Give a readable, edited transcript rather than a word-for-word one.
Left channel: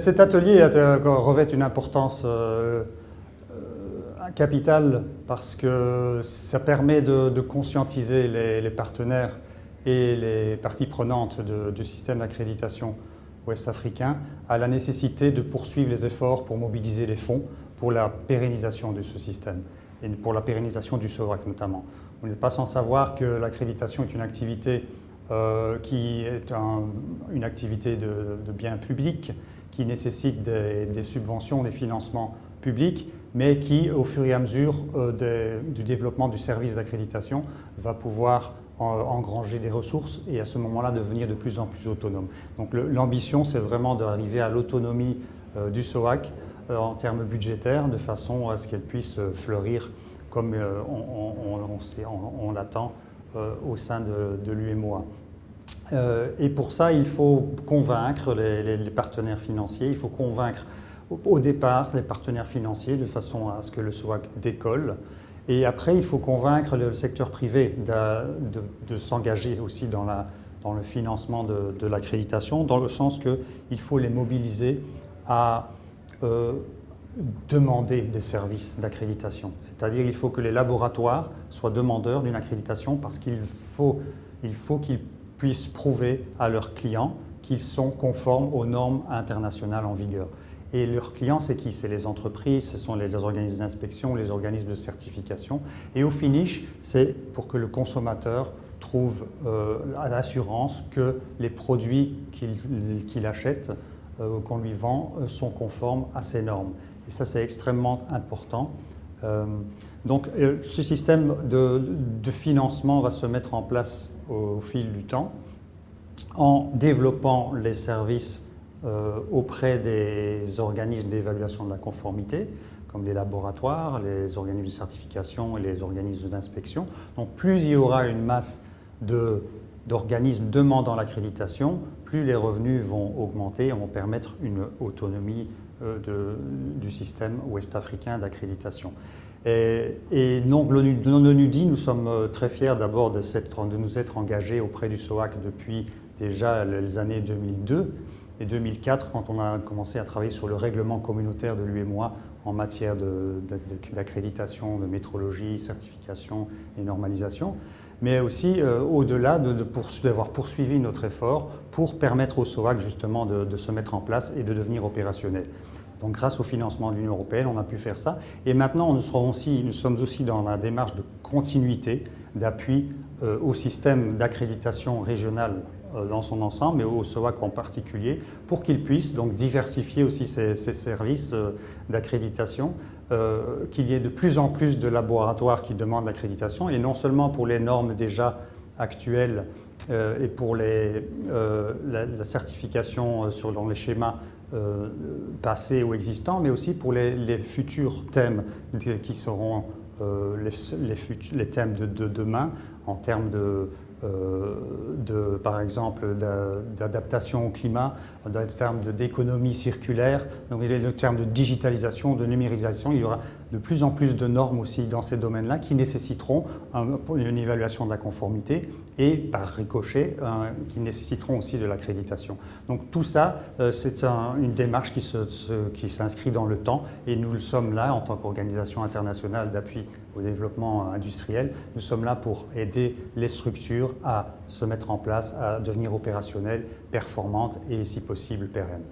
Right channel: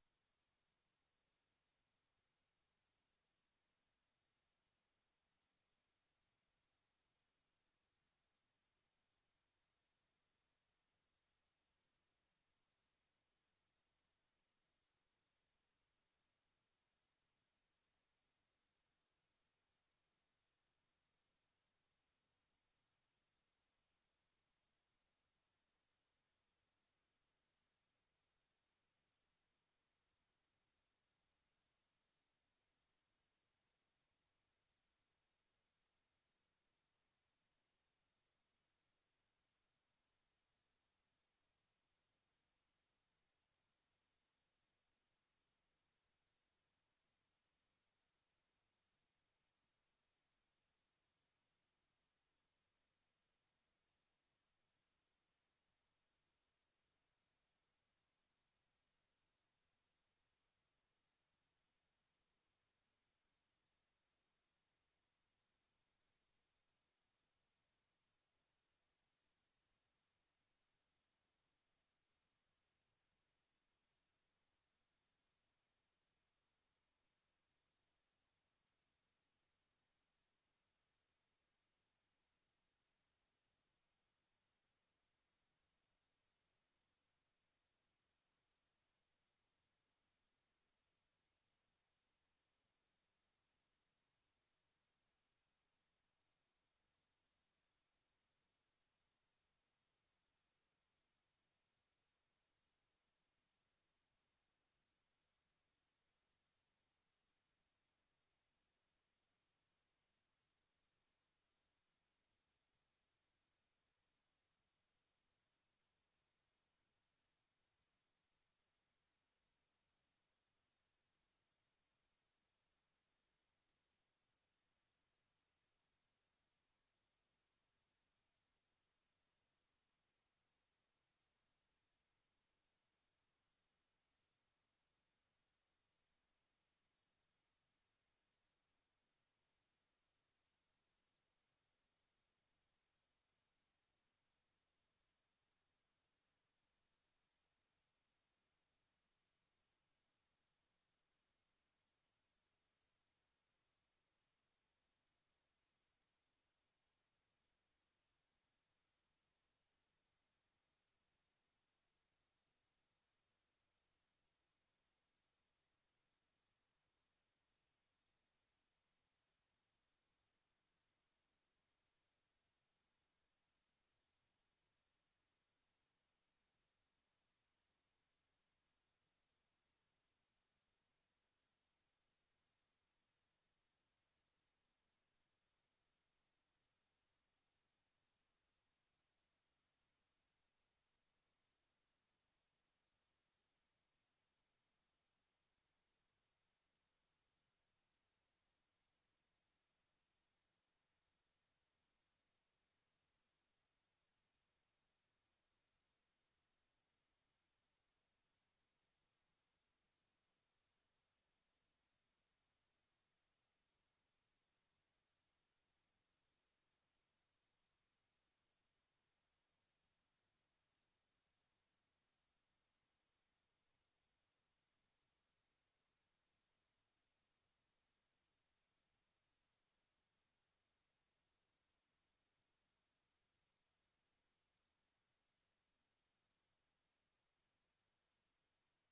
Cet atelier revêt une importance capitale parce que ça permet de conscientiser les partenaires et les parties prenantes du système d'accréditation ouest-africain à la nécessité de poursuivre les efforts pour mobiliser les fonds pour la pérennisation de ce système et pour la pérennisation du SOVAC notamment. On n'est pas sans savoir que l'accréditation est une activité qui est une activité de bien public, qui nécessite des subventions, des financements publics, mais qui, au fur et à mesure du développement du service d'accréditation, va pouvoir engranger des ressources et à ce moment-là devenir de plus en plus autonome. Donc l'ambition, c'est vraiment d'arriver à l'autonomie du SOVAC en termes budgétaires, de façon à ce qu'elle puisse fleurir comme on l'attend au sein de l'UMOA. Et pour ça, il faut convaincre les partenaires financiers, il faut convaincre au départ les partenaires financiers de façon à ce que le SOVAC décolle. Et après, il faut convaincre le secteur privé de s'engager aussi dans le financement de l'accréditation, dans le sens qu'il faut les mobiliser à demander des services d'accréditation. C'est-à-dire qu'il faut que les laboratoires soient demandeurs d'une accréditation parce qu'il faut qu'ils puissent prouver à leurs clients qu'ils sont conformes aux normes internationales en vigueur. Et leurs clients, c'est qui? C'est les entreprises, ce sont les organismes d'inspection, les organismes de certification. Et au finish, c'est pour que le consommateur trouve l'assurance que les produits qu'il achète, qu'on lui vend, sont conformes à ces normes. Et ça, c'est extrêmement important. Donc, ce système de financement va se mettre en place au fil du temps en développant les services auprès des organismes d'évaluation de la conformité, comme les laboratoires, les organismes de certification et les organismes d'inspection. Donc plus il y aura une masse d'organismes demandant l'accréditation, plus les revenus vont augmenter et vont permettre une autonomie du système ouest-africain d'accréditation. Et donc l'ONU dit, nous sommes très fiers d'abord de nous être engagés auprès du SOVAC depuis déjà les années 2002 et 2004, quand on a commencé à travailler sur le règlement communautaire de l'UMOA en matière d'accréditation, de métrologie, certification et normalisation, mais aussi au-delà d'avoir poursuivi notre effort pour permettre au SOVAC justement de se mettre en place et de devenir opérationnel. Donc grâce au financement de l'Union européenne, on a pu faire ça. Et maintenant, nous sommes aussi dans la démarche de continuité, d'appui au système d'accréditation régionale dans son ensemble, mais au SOVAC en particulier, pour qu'il puisse donc diversifier aussi ses services d'accréditation, qu'il y ait de plus en plus de laboratoires qui demandent l'accréditation, et non seulement pour les normes déjà actuelles et pour la certification dans les schémas passés ou existants, mais aussi pour les futurs thèmes qui seront les thèmes de demain en termes par exemple, d'adaptation au climat, en termes d'économie circulaire, donc en termes de digitalisation, de numérisation. Il y aura de plus en plus de normes aussi dans ces domaines-là qui nécessiteront une évaluation de la conformité et, par ricochet, qui nécessiteront aussi de l'accréditation. Donc tout ça, c'est une démarche qui s'inscrit dans le temps et nous le sommes là en tant qu'organisation internationale d'appui au développement industriel. Nous sommes là pour aider les structures à se mettre en place, à devenir opérationnelles, performantes et, si possible, pérennes.